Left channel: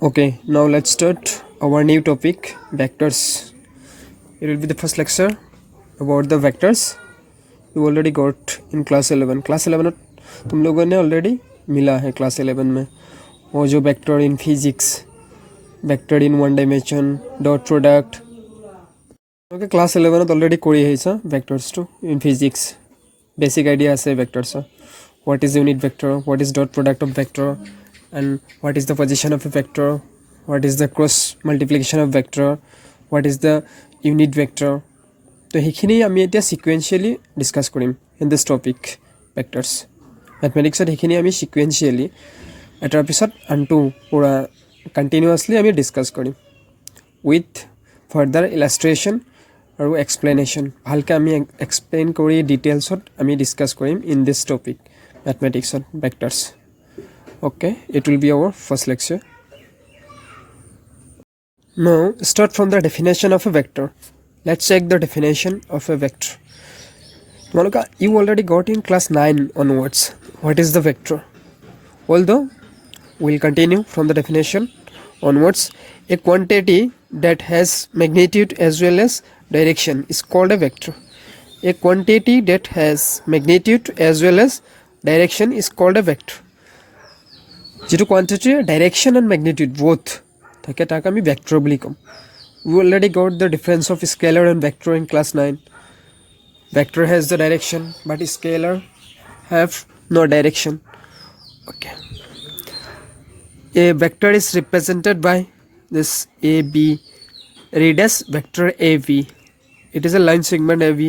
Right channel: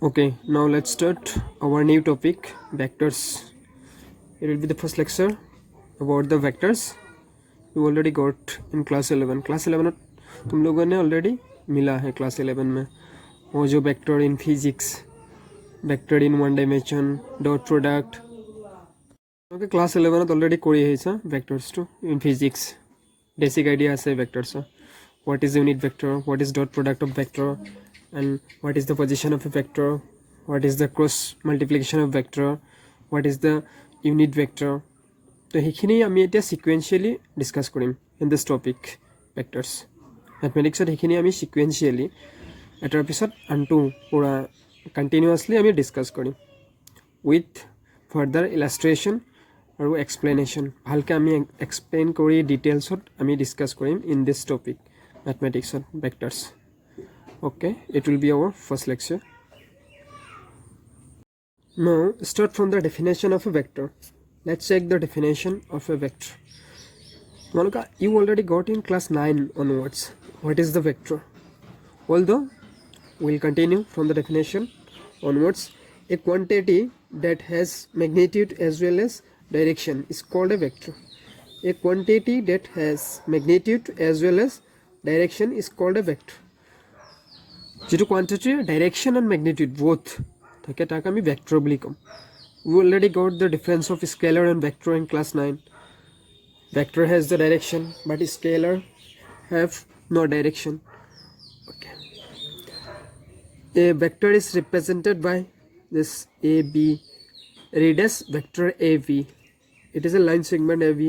Okay, now let's start our new topic vectors. It will be the first lecture about the vectors. You already got in class 11. Class 11 तुम लोगों ने already मिला है class 11 में वो जो vector in physics, vector in one dimension, dot product. Okay, class 11 में already कोई है ऐसा vectors to in physics. Basic idea है vectors. What is unit vector? What is dot product of vector? And what is the position of a vector, what is the cross multiplication of vector, what is the unit vector. তো সেইখিনি আমি এতিয়া sequentially discuss কৰিম in this topic vectors মেথমেটিক্সত সেইখিনি আমি sequentially এটাৰ পিছত আনটো পূৰা কণ্টিনিউৱাছলি আমি ডিছকাছ কৰিম উইথ ফাৰ্ডাৰ ইলাষ্ট্ৰেশ্যন আৰু এক্সপ্লেনেশ্যন ভালকৈ আমি এক্সপ্লেইন কৰি ডিটেইলছত আমি ডিছকাছ কৰিম ইন দিছ টপিক মেথমেটিক্সত vectors. Okay, it will be our first lecture. Now start from the definition of a vector. Let's check the definition of a vector. Malika, you already got in class 9 onwards what is the vector. Although we'll continue from the definition onwards. A quantity that has magnitude as well as direction is called a vector. A quantity that has magnitude as well as direction is called a vector. যিটো কোৱান্টিটিৰ direction and magnitude both থাকে তাক আমি vector বুলি ক'ম. We already got the difference of scalar and vector in class 9. Vector has the direction but scalar have no direction. Okay, a vector is represented by this A B. read as vector av. It is a line segment av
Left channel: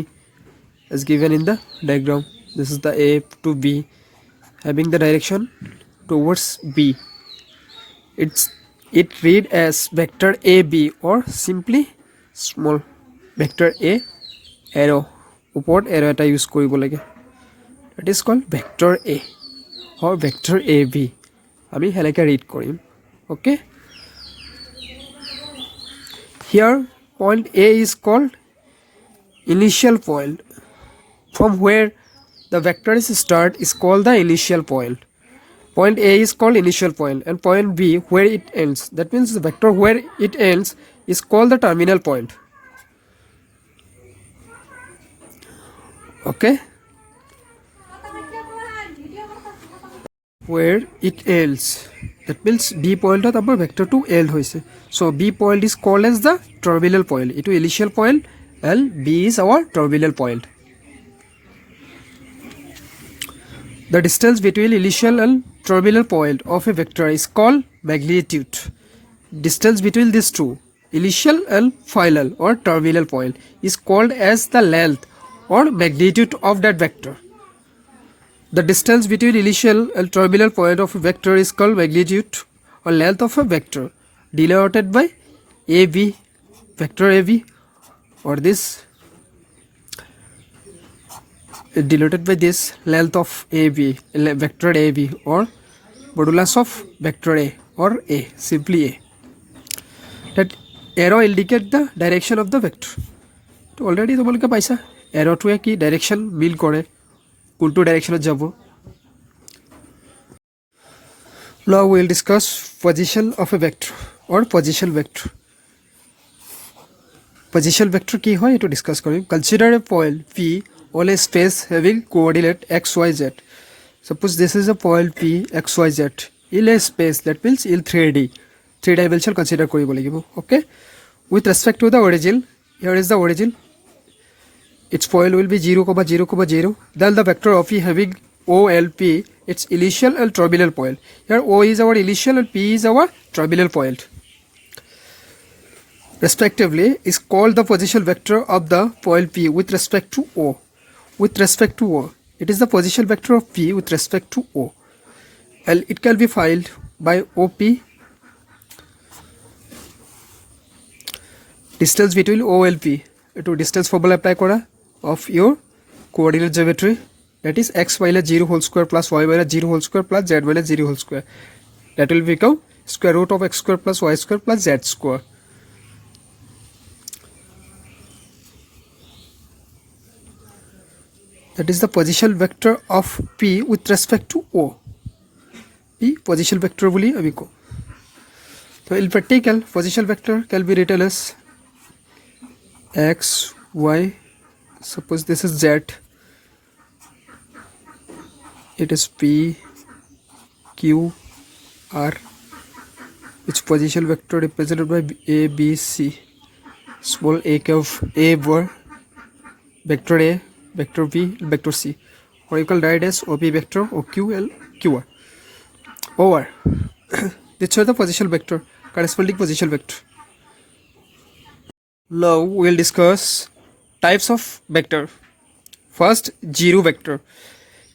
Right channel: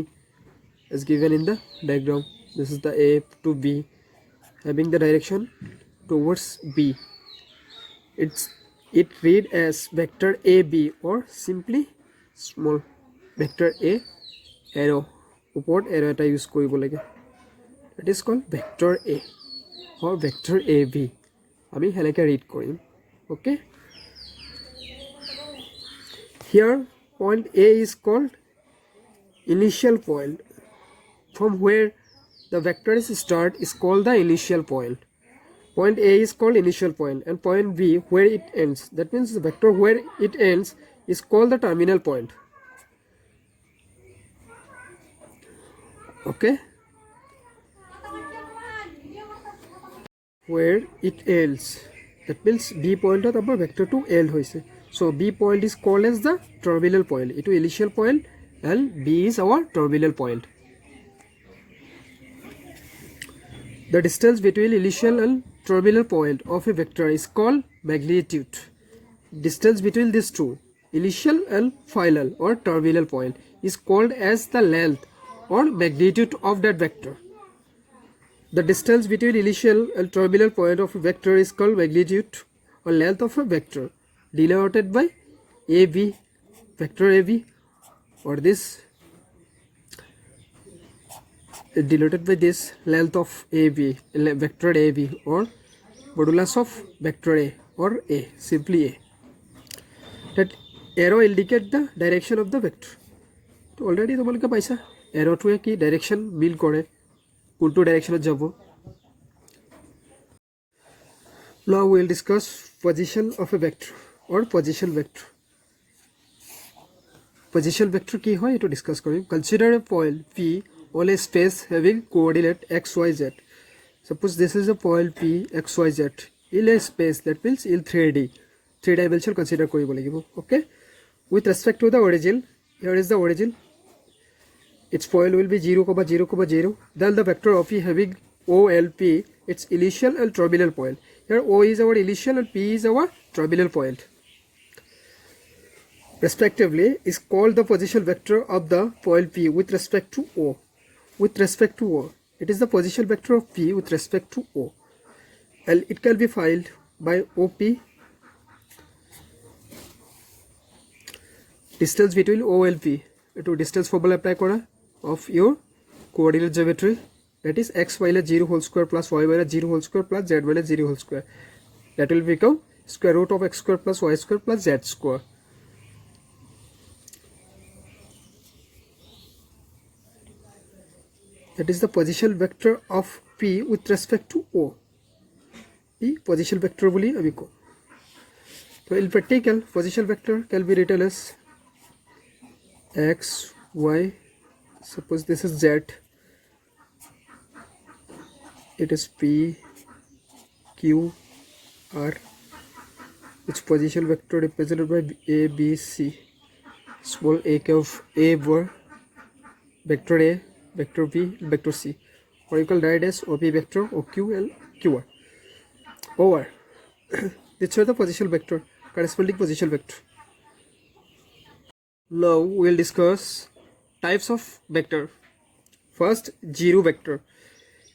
as given in the diagram. This is the a to b having the direction towards b. It read as vector ab or simply small vector a arrow upward arrow eta use koribo lage. That is called vector a or vector ab. Ami heleke read korim. Okay, here point a is called initial point. From where the vector is start is called the initial point. Point A is called initial point and point B where it ends. That means the vector where it ends is called the terminal point. Okay, where it ends, that means B point at our vector to end hoise. So B point is called as the terminal point. It is initial point and B is our terminal point. The distance between initial and terminal point of a vector is called magnitude. Distance between these two, initial and final or terminal point, is called as the length or magnitude of that vector. The distance between initial and terminal point of a vector is called magnitude or length of a vector, denoted by AB, vector AB, or this denoted by this length of AB, vector AB, or modulus of vector A or A, simply A. That arrow indicate the direction of the vector. তো already তোমালোকে পাইছা এরোটোৱে কি direction মিল কৰে, কোনটো ডাইৰেকশ্যনত যাব. Now we will discuss position of a vector or position vector. Position vector কি হয় এটো discuss Karim. Consider a point P on a space having coordinate x, y, z. Suppose this is a point P x, y, z in a space, that means in 3D, 3 dimension consider koribo lagibo. Okay, with respect to the origin, here is the origin, its point will be 0, 0, 0. Then the vector of E having O, L, P, its initial and terminal point. Here O is our initial and P is our terminal point, respectively, is called the position vector of the point P with respect to O. With respect to O, it is the position vector of P with respect to O, and it can be filed by OP. Distance between O and P, to distance formula apply kora of your coordinate geometry, that is x minus 0 whole square plus y minus 0 whole square plus z minus 0 whole square. That will become square root of x square plus y square plus z square. That is the position vector of P with respect to O. P position vector boli ami ko. So in practical, position vector can be written as x, y. Suppose this is z. It is p, q, r. Its position vector represented by a, b, c. Small a of a were vector a, vector b, vector c. Or you can write as OP vector, OQ, L, QR. Over. These are the position vector, corresponding position vector. Now we will discuss types of vector. First, zero vector.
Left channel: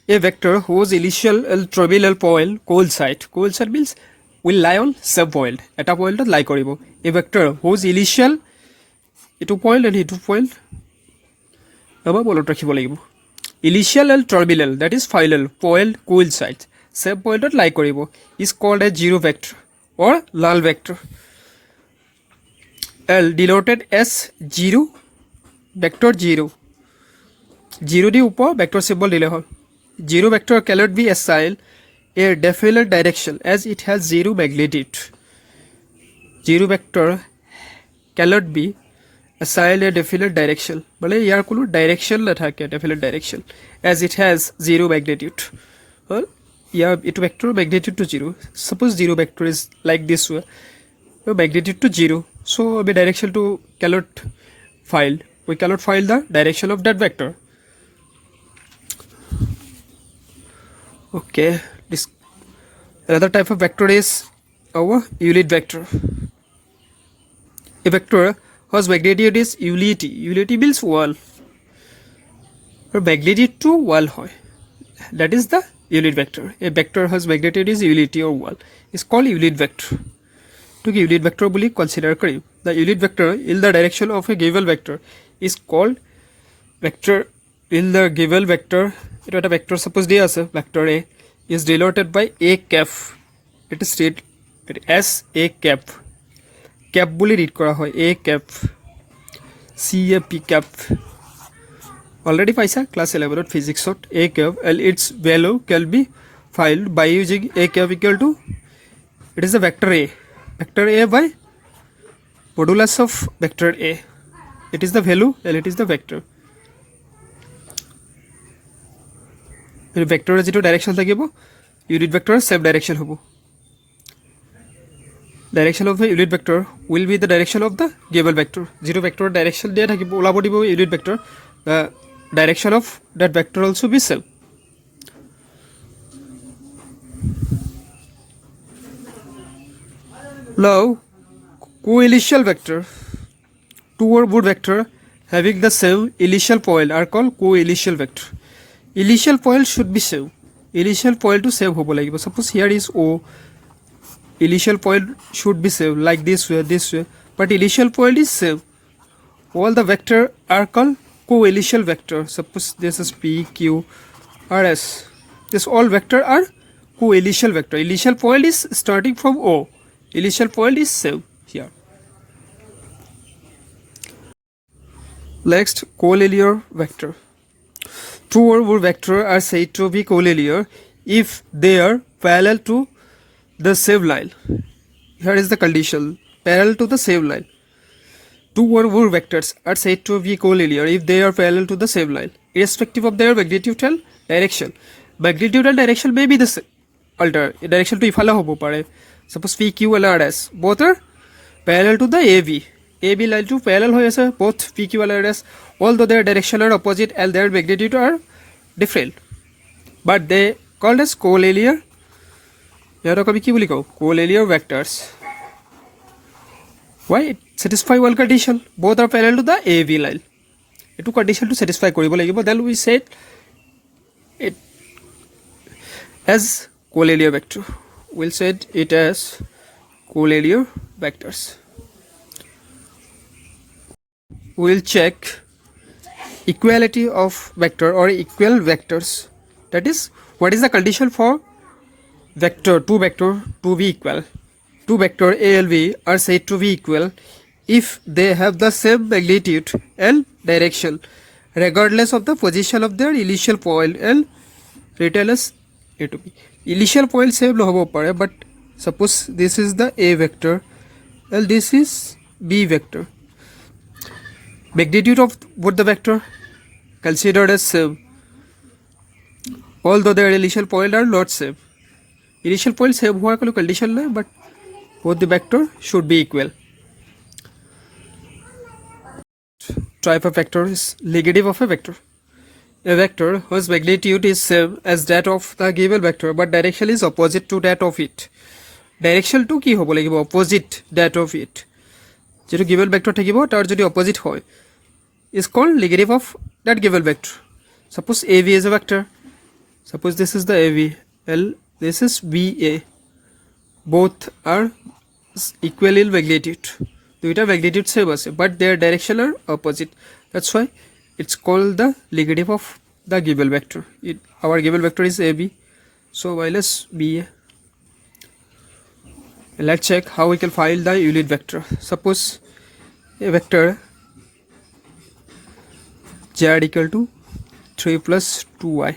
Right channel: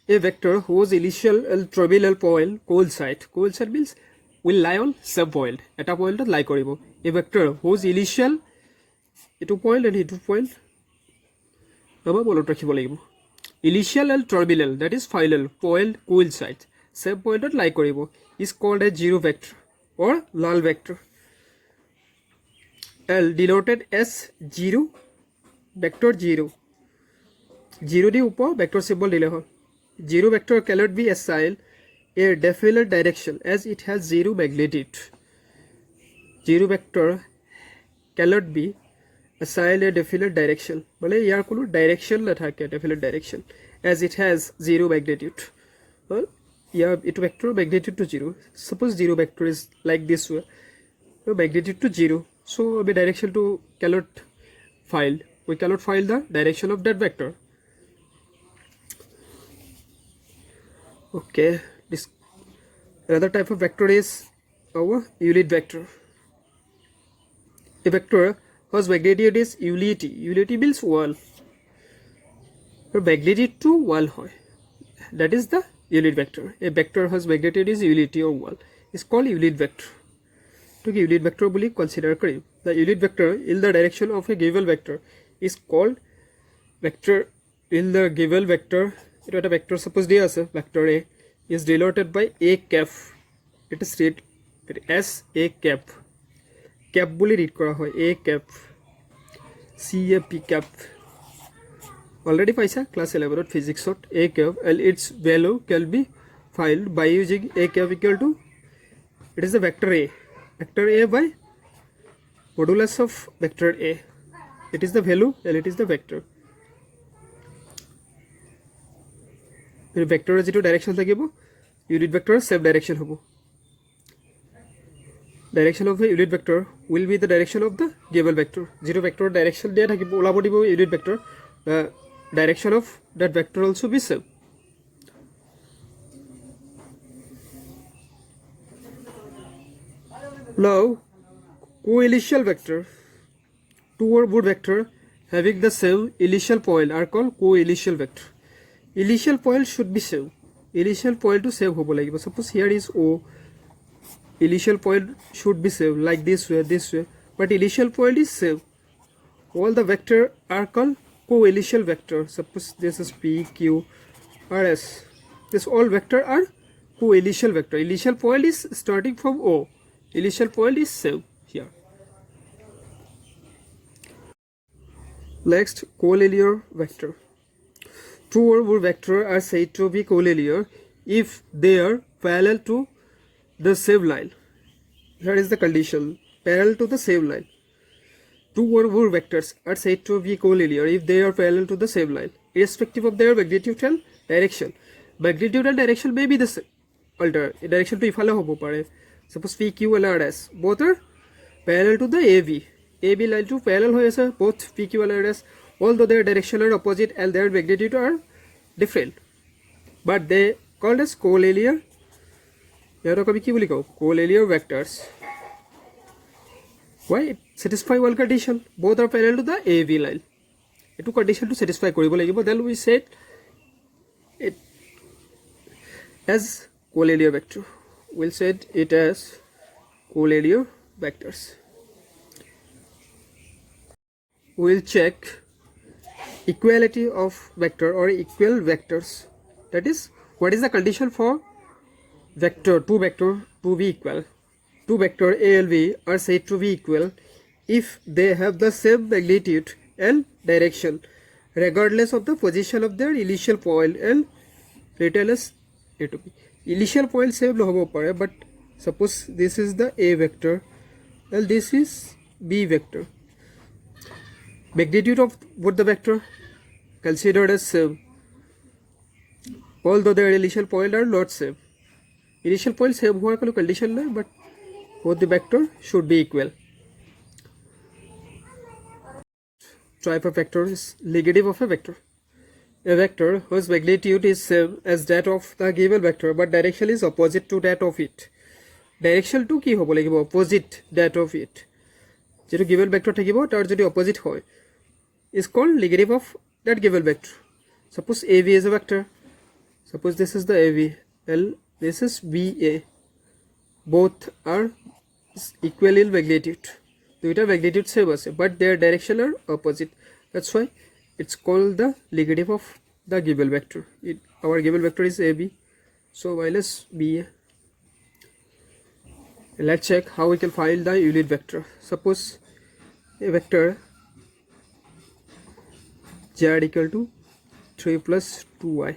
A vector whose initial and terminal point coincide. Coincide means will lie on same point. Eta point lie koribo. A vector whose initial etu point and etu point aba bolot rakhibo lagibo. Initial and terminal, that is final point coincide. Same point lie koribo is called a zero vector or null vector. L denoted as zero vector zero. Zero di upor vector symbol dile hol. Zero vector cannot be assigned a definite direction as it has zero magnitude. Zero vector cannot be assigned a definite direction. Bale yar kono direction na thake definite direction as it has zero magnitude. Well, yeah, it vector magnitude to zero. Suppose zero vector is like this way, magnitude to zero. So the direction to cannot find. We cannot find the direction of that vector. Okay, this another type of vector is our unit vector. A vector whose magnitude is unity. Unity means 1. Or magnitude to 1 hoy. That is the unit vector. A vector whose magnitude is unity or 1 is called unit vector. To give unit vector bully consider kari. The unit vector in the direction of a given vector is called vector in the given vector. It was a vector, suppose D as a vector A is denoted by A cap. It is stated as A cap. Cap bully read kora hoy A cap. CAP cap. Already paisa class 11 of physics of A cap and its value can be found by using A cap equal to, it is a vector A. Vector A by modulus of vector A. It is the value and it is the vector. Vector is direction thakibo, unit vector same direction hobo. Direction of the unit vector will be the direction of the given vector. Zero vector direction there thakibo olabo dibo unit vector. The direction of that vector also be same. Now, co-initial vector. Two or more vector having the same initial point are called co-initial vector. Initial point should be same. Initial point to same hobo lagibo. Suppose here is O. Initial point should be same like this way. But initial point is same. All the vector are called co-initial vector. Suppose this is P, Q, R, S. This all vector are co-initial vector. Initial point is starting from O. Initial point is same here. Next, collinear vector. Two or more vectors are said to be collinear if they are parallel to the same line. Here is the condition: parallel to the same line. Two or more vectors are said to be collinear if they are parallel to the same line, irrespective of their magnitude and direction. Magnitude and direction may be the same. Alter direction to ifala hobo pare. Suppose P, Q, and R, S. Both are parallel to the AB. AB line to parallel hoy ase both P, Q, and R, S. Although their direction are opposite and their magnitude are different, but they called as collinear. Yaro kabi ki boli ko collinear vectors. Why? It satisfy one condition. Both are parallel to the AB line. Two condition to satisfy koribo lagibo. Then we said it as collinear vector. We'll set it as collinear vectors. We'll check equality of vector or equal vectors. That is, what is the condition for vector to be equal? Two vector A and B are said to be equal if they have the same magnitude and direction, regardless of the position of their initial point and written as A to B. Initial point same no hobo pare, but suppose this is the A vector Well, this is B vector. Magnitude of both the vector considered as same, although their initial point are not same. Initial point same होने का condition है, but both the vector should be equal. Type of vector is negative of a vector. A vector whose magnitude is same as that of the given vector, but direction is opposite to that of it. Direction to কি হ'ব লাগিব opposite that of it. যেটো given vector থাকিব তাৰ যদি opposite হয় is called negative of that given vector. Suppose AB is a vector. Suppose this is the AB, this is BA. Both are equal in magnitude. দুইটা magnitude same আছে, but their direction are opposite. That's why it's called the negative of the given vector. Our given vector is AB, so minus BA. Let's check how we can find the unit vector. Suppose a vector z equal to 3 plus 2y.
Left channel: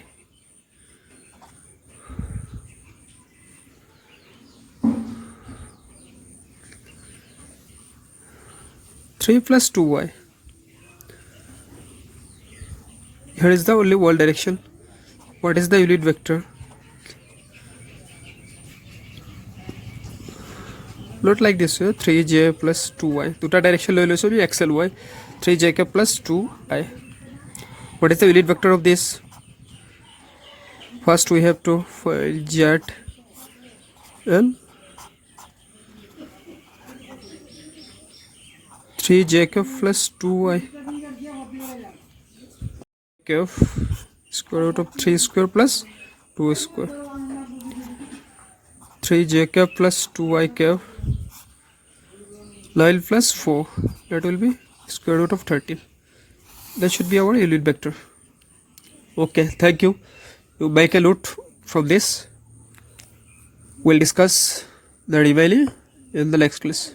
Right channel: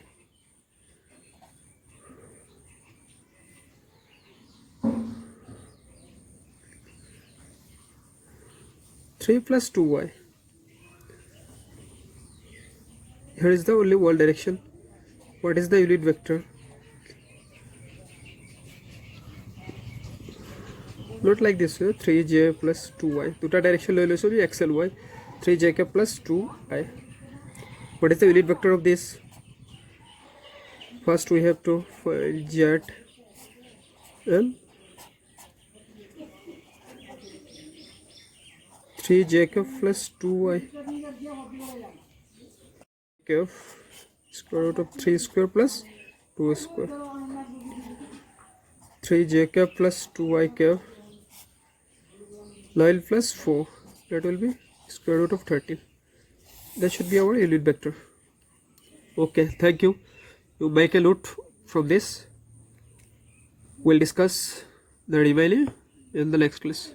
Three plus 2y. Here is the only y direction. What is the unit vector? Not like this way, 3j plus 2y. Duta direction lo so be x and y. 3j plus 2i. What is the unit vector of this? First we have to find z and 3j plus 2y. Square root of 3 square plus 2 square. 3j plus 2y 9 plus 4, that will be square root of 13. That should be our unit vector. Okay, thank you. You make a note from this. We'll discuss the remaining in the next class.